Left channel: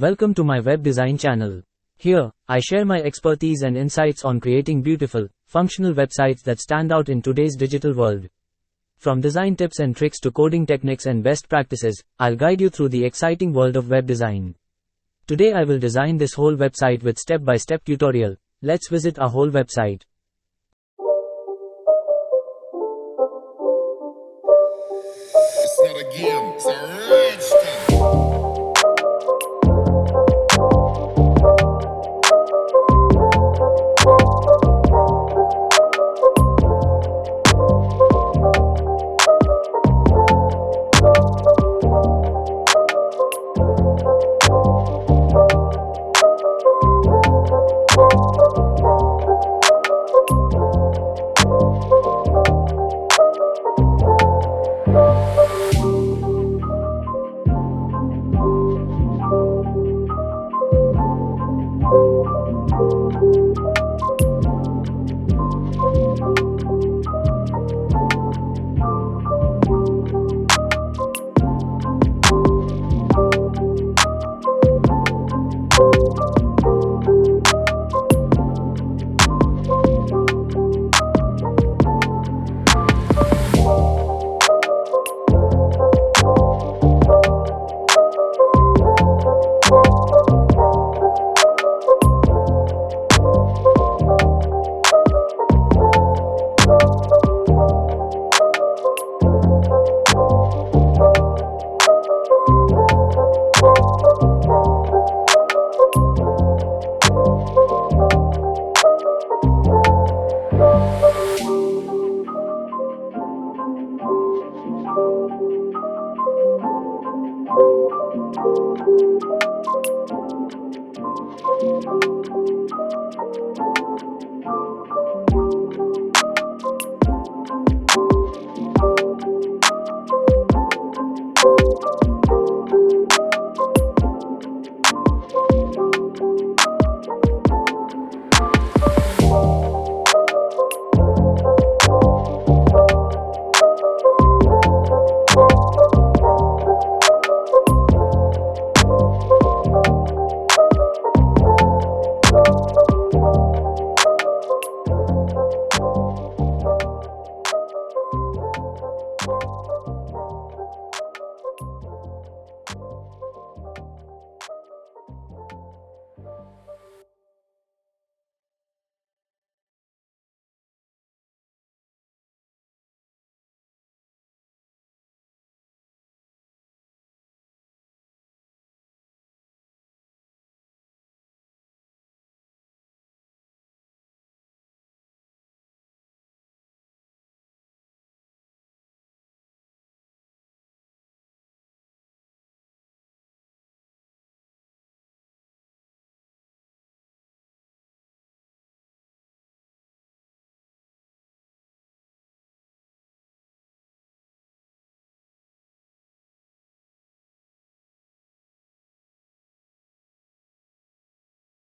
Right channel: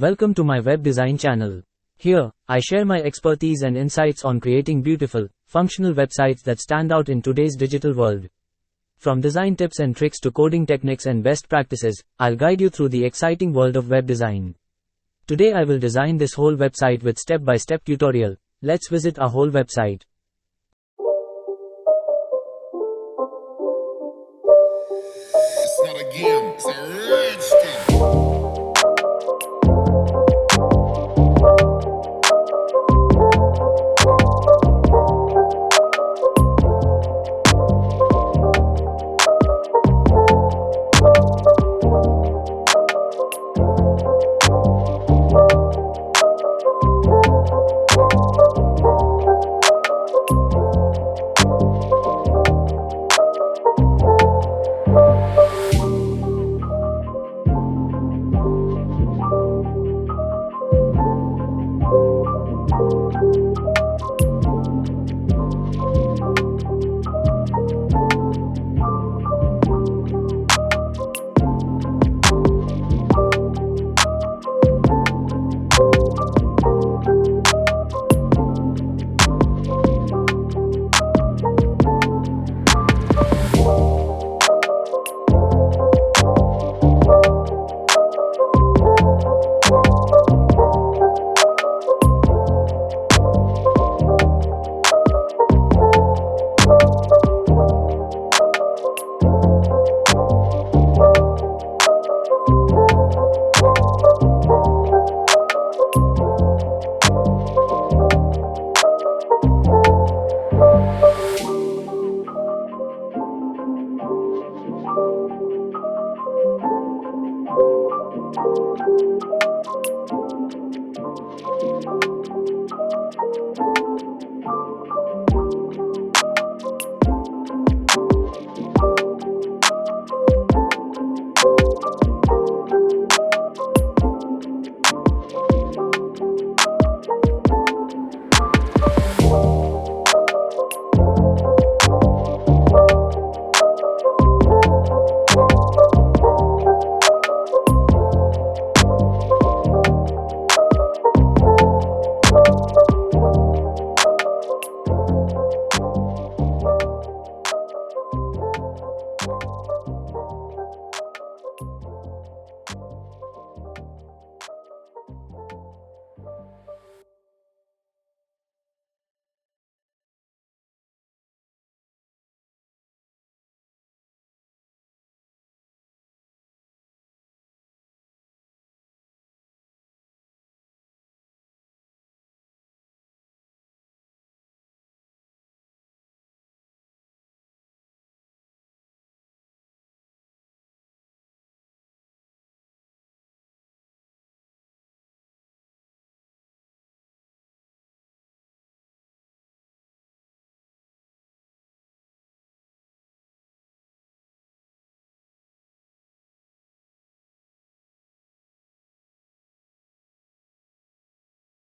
Welcome to my web design channel. Here, I share my expertise and insights on creating beautiful, functional websites that stand out in today's digital world. From design tips and tricks to coding techniques and best practices, I'll guide you through the exciting world of web design. Today I will design this whole website with step-by-step tutorial. Let's visit our whole website.